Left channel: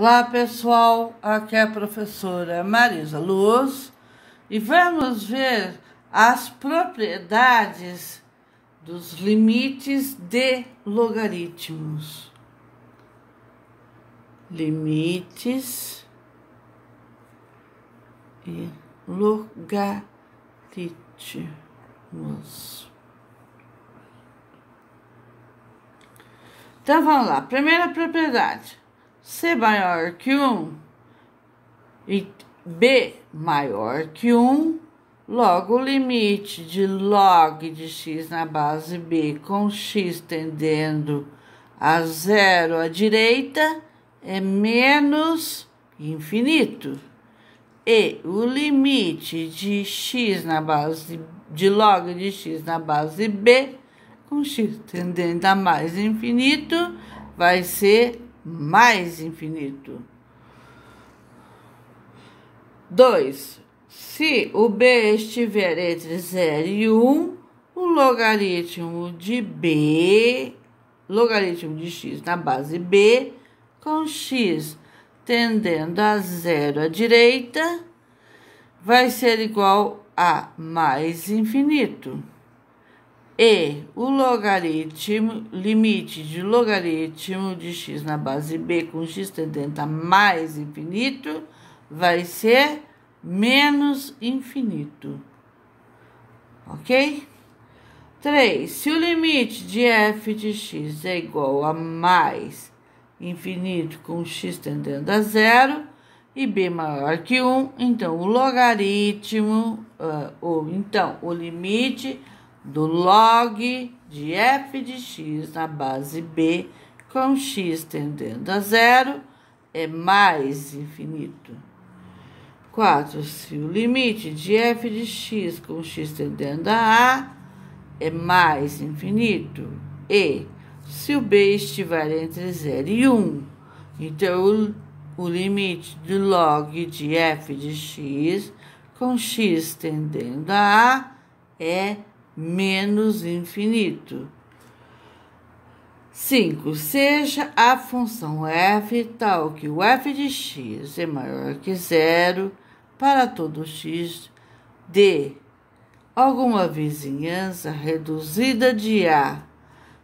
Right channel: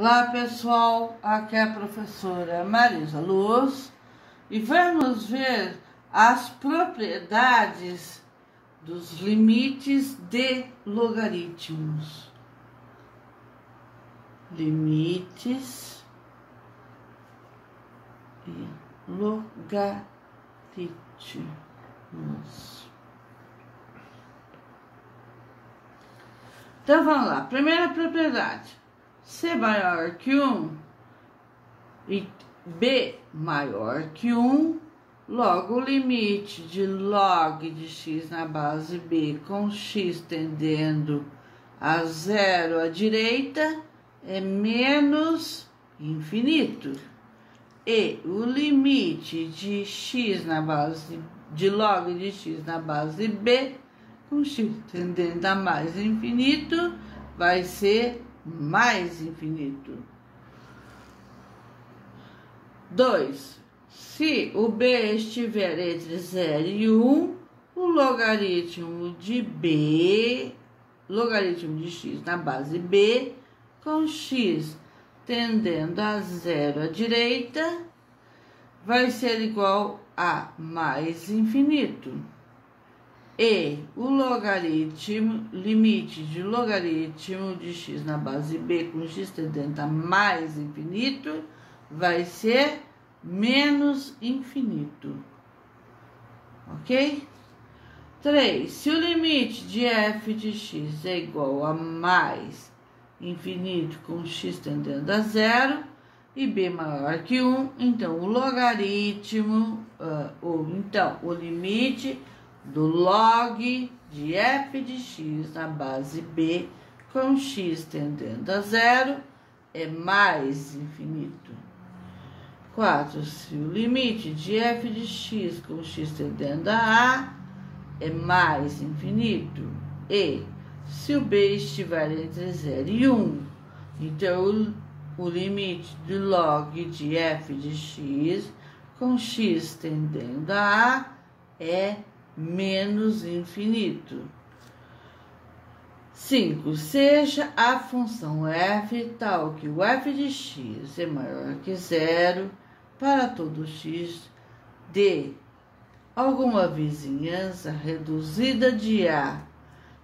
Olá pessoal, aqui é a professora Marisa Luz e vamos ver as propriedades dos limites de logaritmos. Limites e logaritmos. Então vamos lá, primeira propriedade. C maior que 1 e B maior que 1, logo o limite de log de x na base B com x tendendo a zero à direita é menos infinito. E o limite de x na base de log de x na base B com x tendendo a mais infinito vai ser mais infinito. 2. Se o B estiver entre 0 e 1, o logaritmo de B, logaritmo de x na base B, com x tendendo a zero à direita, vai ser igual a mais infinito. E o limite de logaritmo de x na base B com x tendendo a mais infinito vai ser menos infinito. Ok? 3. Se o limite de f de x é igual a mais infinito com x tendendo a zero e b maior que 1, então o logaritmo, o limite do log de f de x na base B com x tendendo a zero é mais infinito. 4. Se o limite de f de x com x tendendo a A é mais infinito. E se o B estiver entre 0 e 1, então o limite do log de f de x com x tendendo a A é menos infinito. 5. Seja a função f tal que o f de x é maior que zero para todo x de alguma vizinhança reduzida de A.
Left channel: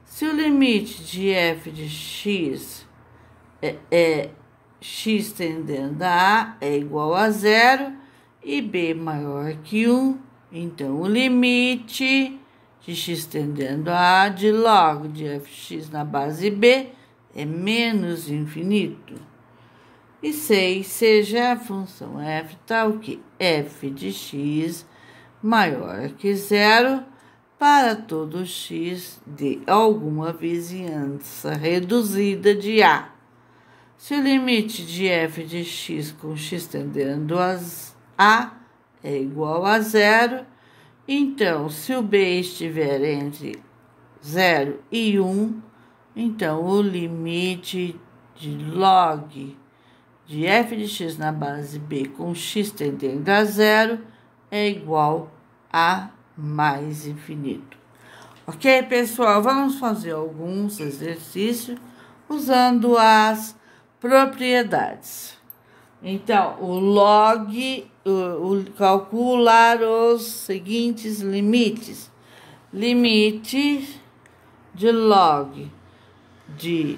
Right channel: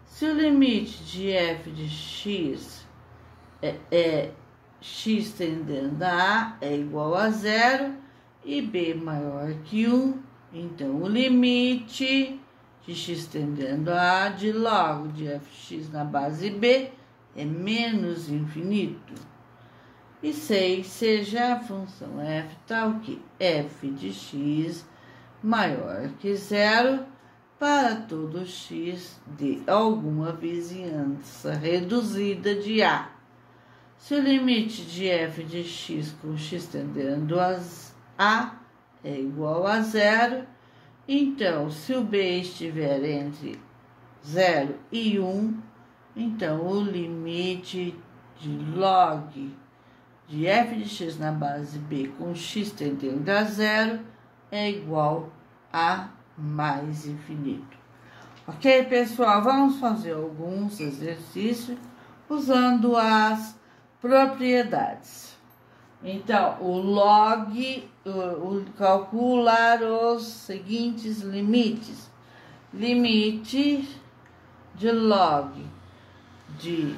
Se o limite de f de x é x tendendo a A é igual a zero e b maior que 1, então o limite de x tendendo a A de log de fx na base B é menos infinito. E 6. Seja a função f tal que f de x maior que zero para todo x de alguma vizinhança reduzida de A. Se o limite de f de x com x tendendo a A é igual a zero, então, se o B estiver entre 0 e 1, então o limite de log de f de x na base B com x tendendo a zero é igual a mais infinito. Ok, pessoal? Vamos fazer alguns exercícios usando as propriedades. Então, o log, calcular os seguintes limites. Limite de log de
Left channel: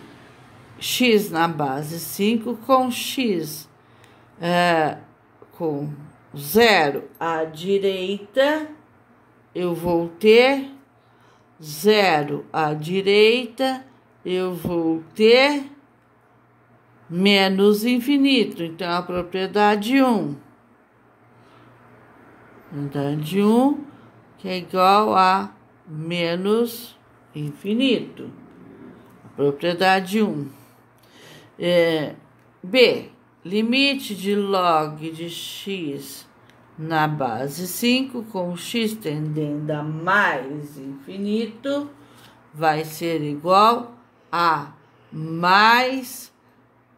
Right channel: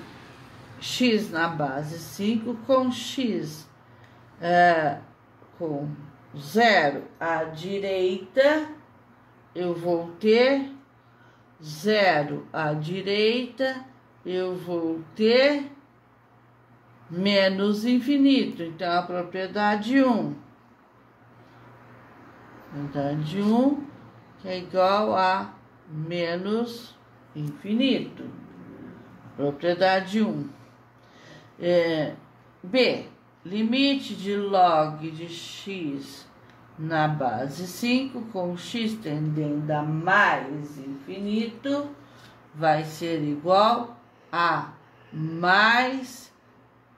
x na base 5 com x com 0 à direita, eu vou ter 0 à direita, eu vou ter menos infinito. Então, a propriedade 1. Propriedade 1, que é igual a menos infinito. Propriedade 1. B. Limite de log de x na base 5 com x tendendo a mais infinito vai ser igual a mais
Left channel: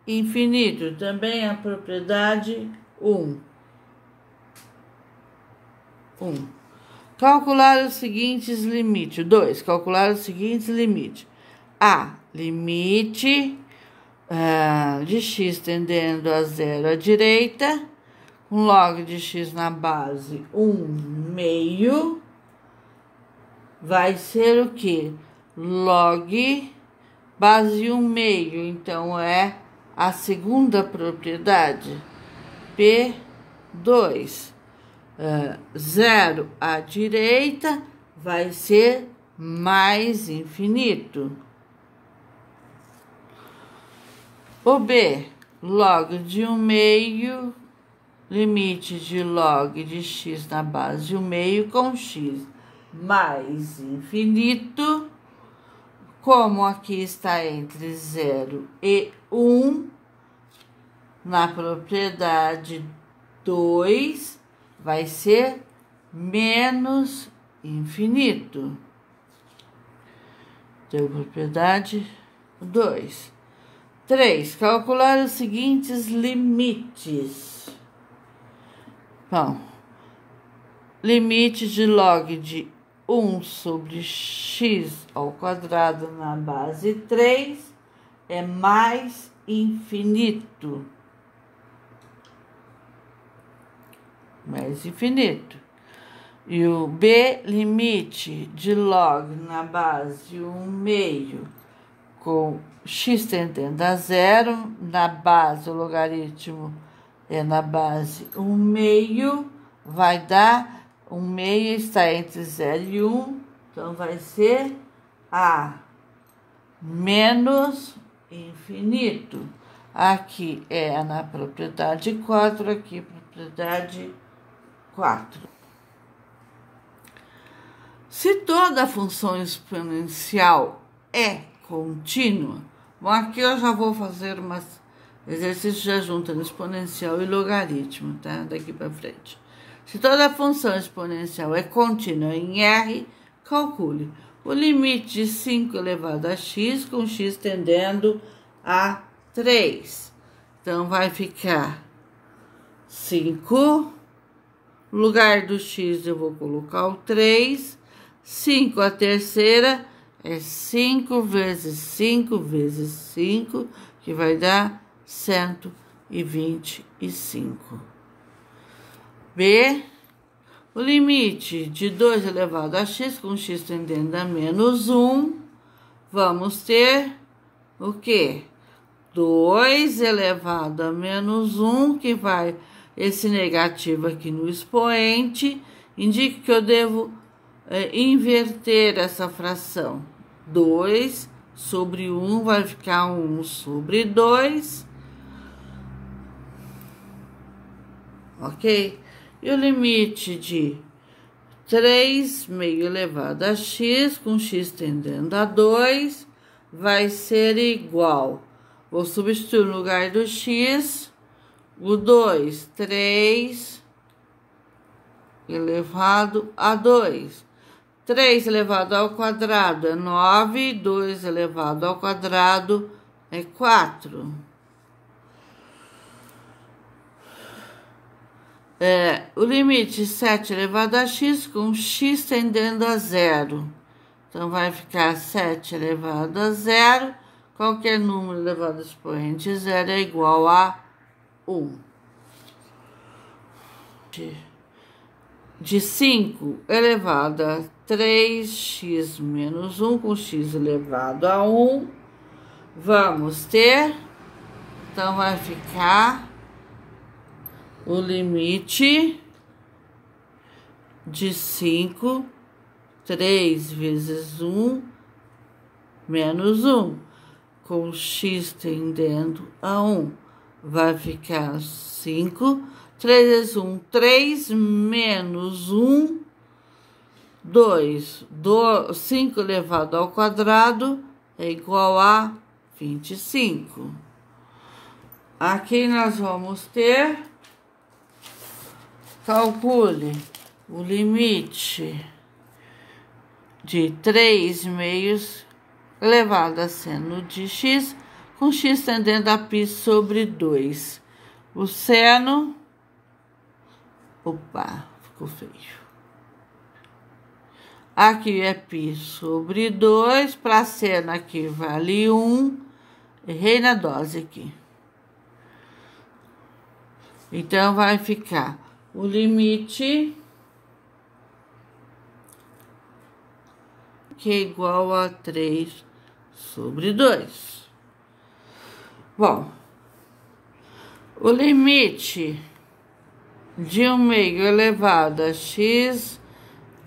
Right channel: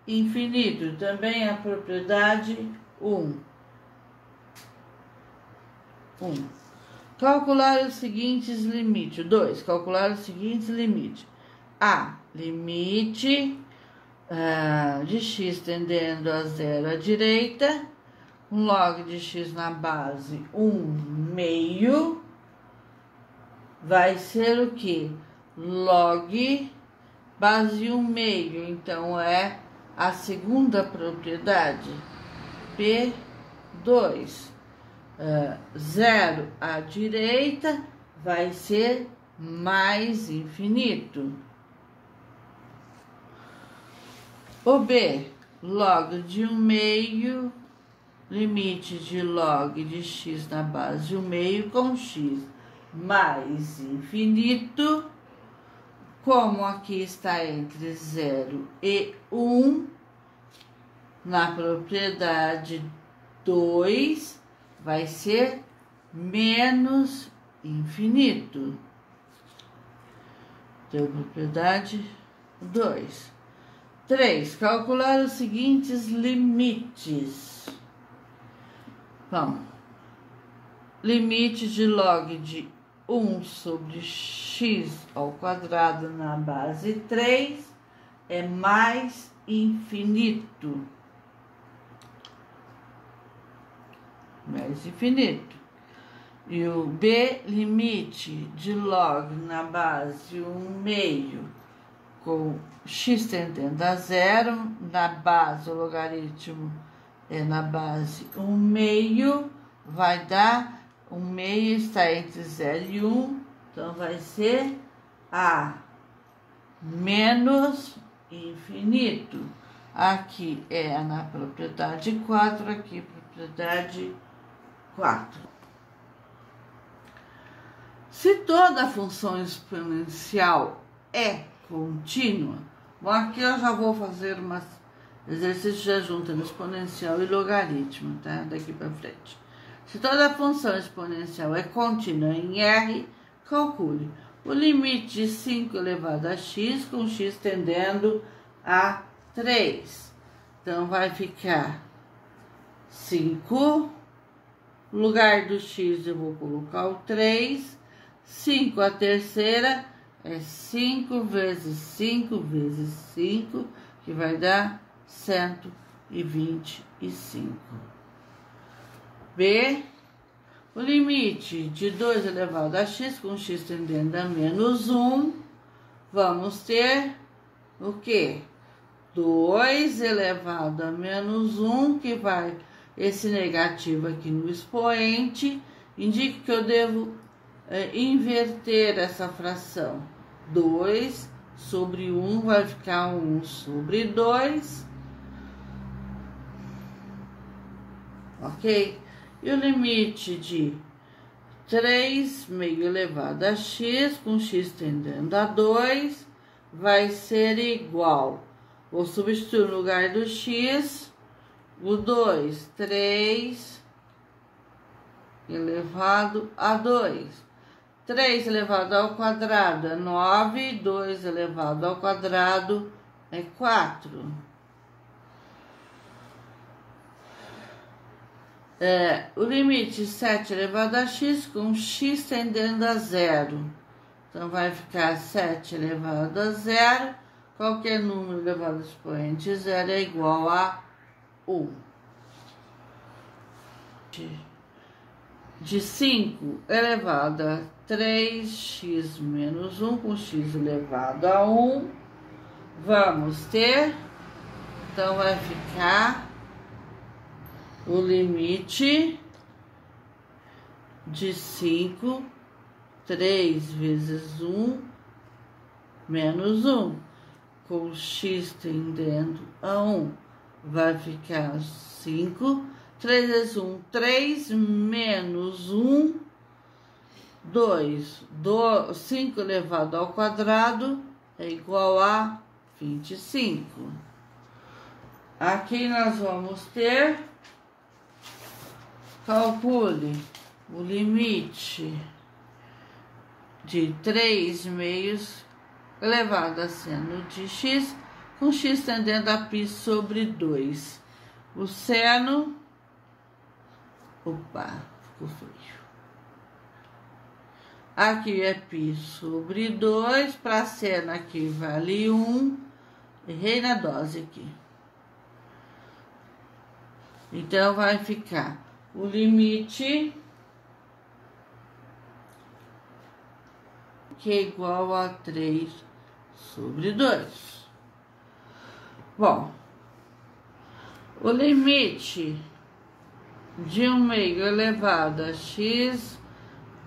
infinito. Também a propriedade 1. Calcular os seguintes limites. 2. Calcular os seguintes limites. A. Limite de x tendendo a 0 à direita, com log de x na base 1/2, vai ser o quê? Log base 1/2, então é a segunda propriedade, P2. 0 à direita vai ser mais infinito. O B, log de 1/2, limite de log de x na base 1/2 com x mais infinito. Como aqui está entre 0 e 1, na propriedade 2, vai ser menos infinito. Então, propriedade 2. 3. Calcular os seguintes limites. Bom, limite de log de 1 sobre x ao quadrado na base 3 é mais infinito. Mais infinito. E o B, limite de log na base 1/2 com x tendendo a 0, na base o logaritmo é na base 1/2, vai dar 1/2 está entre 0 e 1, então vai ser a menos infinito. Aqui é na propriedade 4, aqui propriedade 4. Se toda função exponencial é contínua, bom, aqui eu já vou fazer umas exercícios já juntando exponencial e logaritmo, tá? Daqui para frente. Se toda função exponencial é contínua em R, calcule o limite de 5 elevado a x com x tendendo a 3. Então, vai ficar 5, no lugar do x eu vou colocar o 3, 5 a terceira é 5 vezes 5 vezes 5, que vai dar 125. B, o limite de 2 elevado a x com x tendendo a menos 1, vamos ter o quê? 2 elevado a menos 1, que vai, esse negativo aqui no expoente, indica que eu devo inverter essa fração. 2 sobre 1 vai ficar 1 sobre 2, ok? E o limite de 3 meio elevado a x com x tendendo a 2 vai ser igual. Vou substituir no lugar do x o 2, 3 elevado a 2. 3 elevado ao quadrado é 9, 2 elevado ao quadrado é 4. O limite 7 elevado a x com x tendendo a 0. Então, vai ficar 7 elevado a 0. Qualquer número elevado ao expoente 0 é igual a 1. De 5 elevado a 3x menos 1 com x elevado a 1, vamos ter, então vai ficar o limite de 5, 3 vezes 1 menos 1, com x tendendo a 1, vai ficar 5, 3 vezes 1, 3 menos 1, 2. 5 elevado ao quadrado é igual a 25. Aqui nós vamos ter, calcule o limite de 3 meios elevado a seno de x, com x tendendo a π sobre 2. O seno, opa, ficou feio. Aqui é π sobre 2, para seno aqui vale 1, Errei na dose aqui. Então, vai ficar o limite que é igual a 3/2. Bom, o limite de 1/2 elevado a x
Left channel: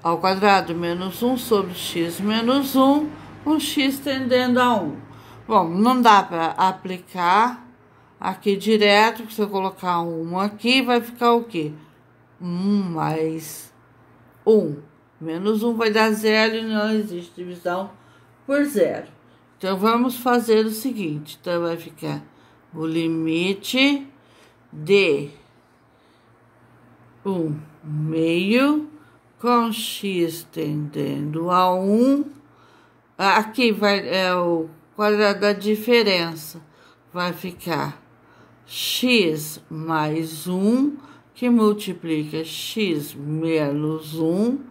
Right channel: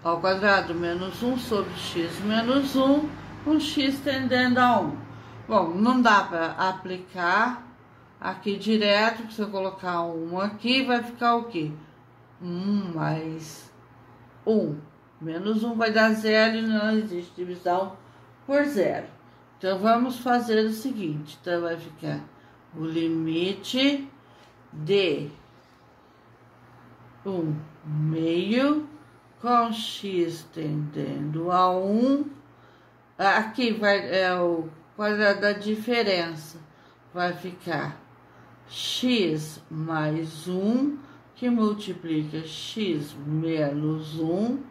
ao quadrado menos 1 sobre x menos 1, com x tendendo a 1. Bom, não dá para aplicar aqui direto, porque se eu colocar 1 aqui, vai ficar o quê? 1 mais 1. Menos 1 vai dar 0 e não existe divisão por 0. Então, vamos fazer o seguinte. Então, vai ficar o limite de 1/2 com x tendendo a 1. Aqui é o quadrado da diferença. Vai ficar x mais 1, que multiplica x menos 1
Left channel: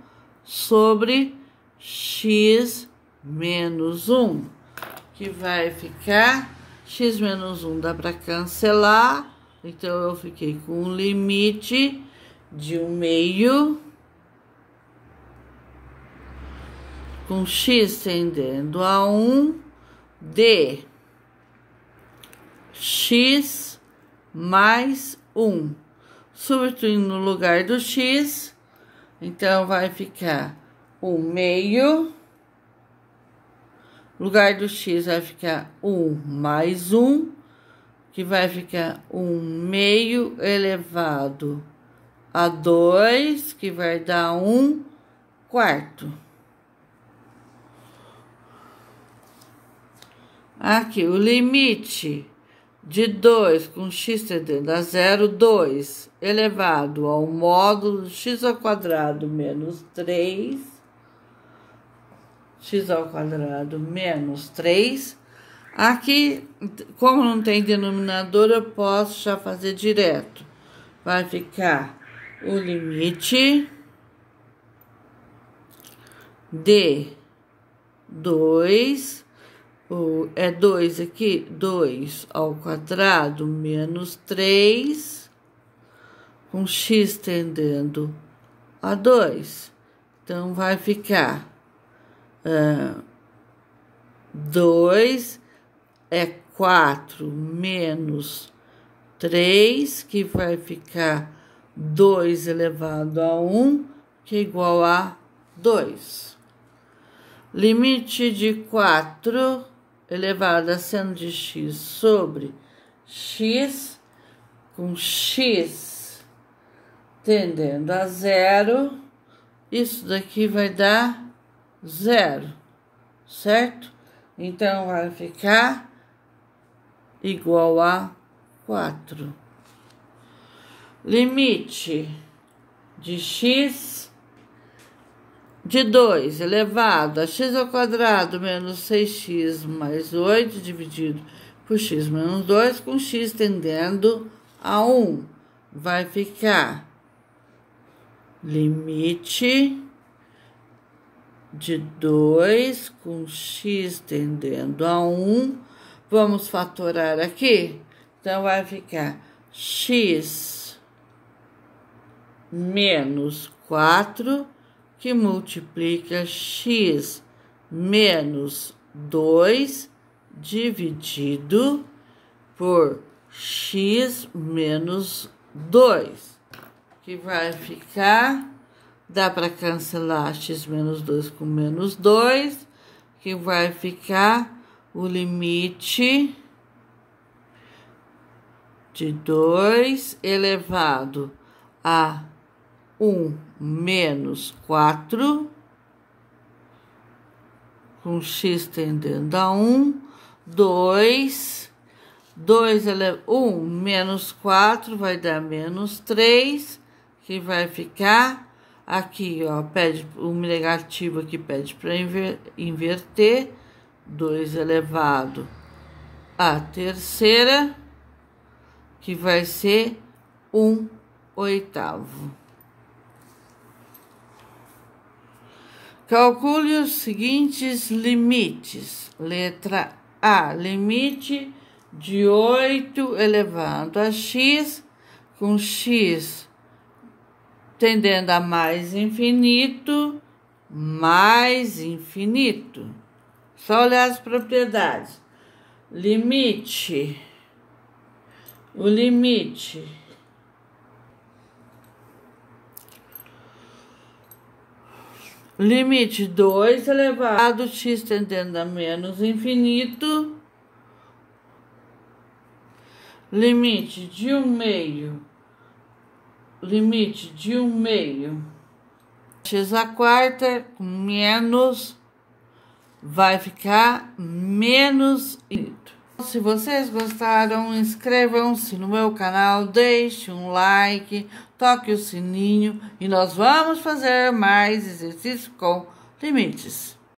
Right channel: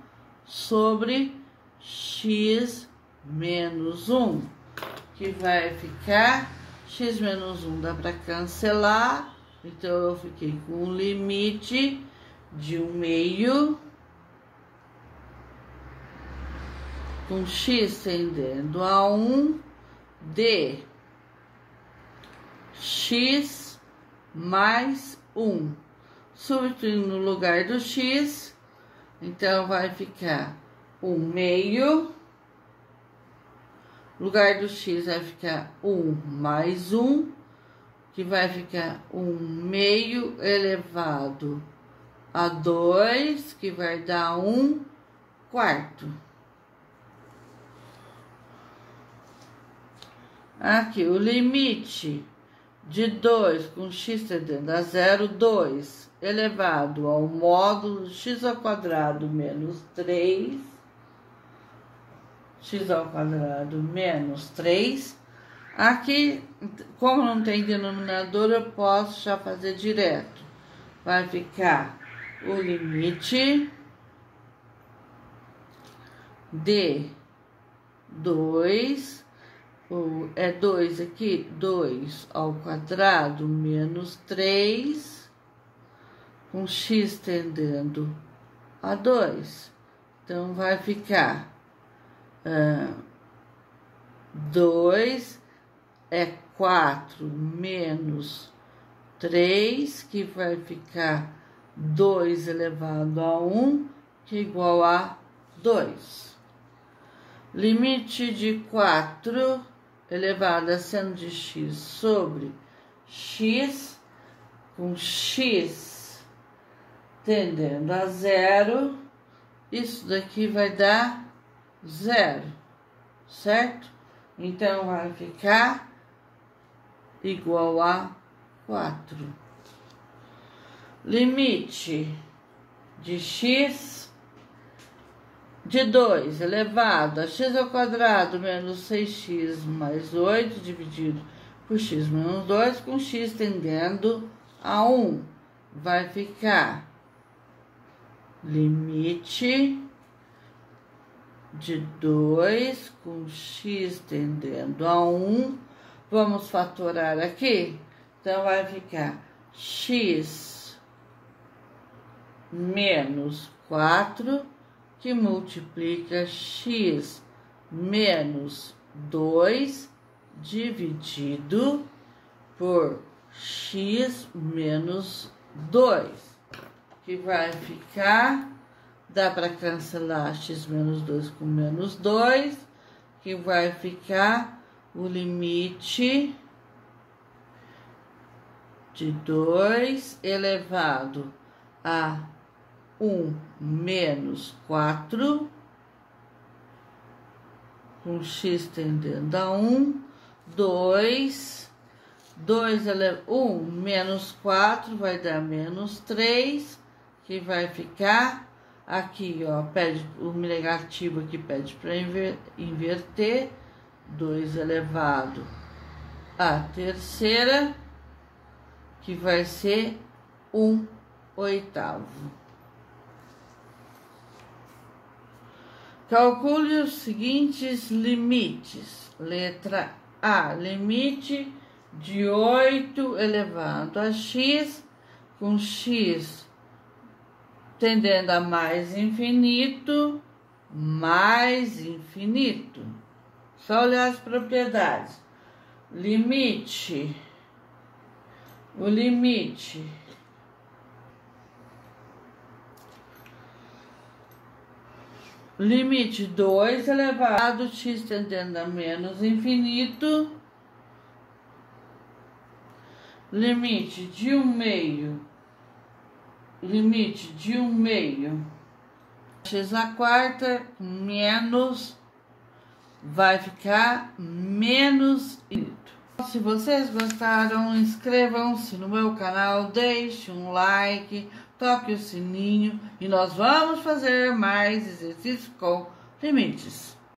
sobre x menos 1, que vai ficar x menos 1 dá para cancelar, então eu fiquei com um limite de 1/2 com x tendendo a 1 de x mais 1. Substituindo no lugar do x, então vai ficar 1/2. No lugar do x vai ficar 1 mais 1, que vai ficar 1/2 elevado a 2, que vai dar 1/4. Aqui, o limite de 2 com x tendendo a 0, 2 elevado ao módulo de x ao quadrado menos 3, x ao quadrado menos 3. Aqui, como não tem denominador, eu posso já fazer direto. Vai ficar o limite de 2, é 2 aqui, 2 ao quadrado menos 3, com x tendendo a 2. Então, vai ficar 2 é 4 menos 3, que vai ficar 2 elevado a 1, que é igual a 2. Limite de 4 elevado a seno de x sobre x, com x tendendo a 0, isso daqui vai dar 0, certo? Então, vai ficar igual a 4. Limite de x de 2 elevado a x ao quadrado menos 6x mais 8 dividido por x menos 2, com x tendendo a 1. Vai ficar limite de 2 com x tendendo a 1. Vamos fatorar aqui. Então, vai ficar x menos 4, que multiplica x menos 2 dividido por x menos 2, que vai ficar, dá para cancelar x menos 2 com menos 2, que vai ficar o limite de 2 elevado a 1 menos 4, com x tendendo a 1, 1 menos 4 vai dar menos 3, que vai ficar aqui, ó, pede o negativo aqui, pede para inverter, 2 elevado à terceira, que vai ser 1/8. Calcule os seguintes limites. Letra a limite de 8 elevado a x, com x tendendo a mais infinito, mais infinito. Só olhar as propriedades. Limite. O limite limite 2 elevado a x tendendo a menos infinito, limite de 1/2, limite de 1/2, x à quarta menos, vai ficar menos infinito. Se vocês gostaram, inscrevam-se no meu canal, deixe um like, toque o sininho e nós vamos fazer mais exercícios com limites.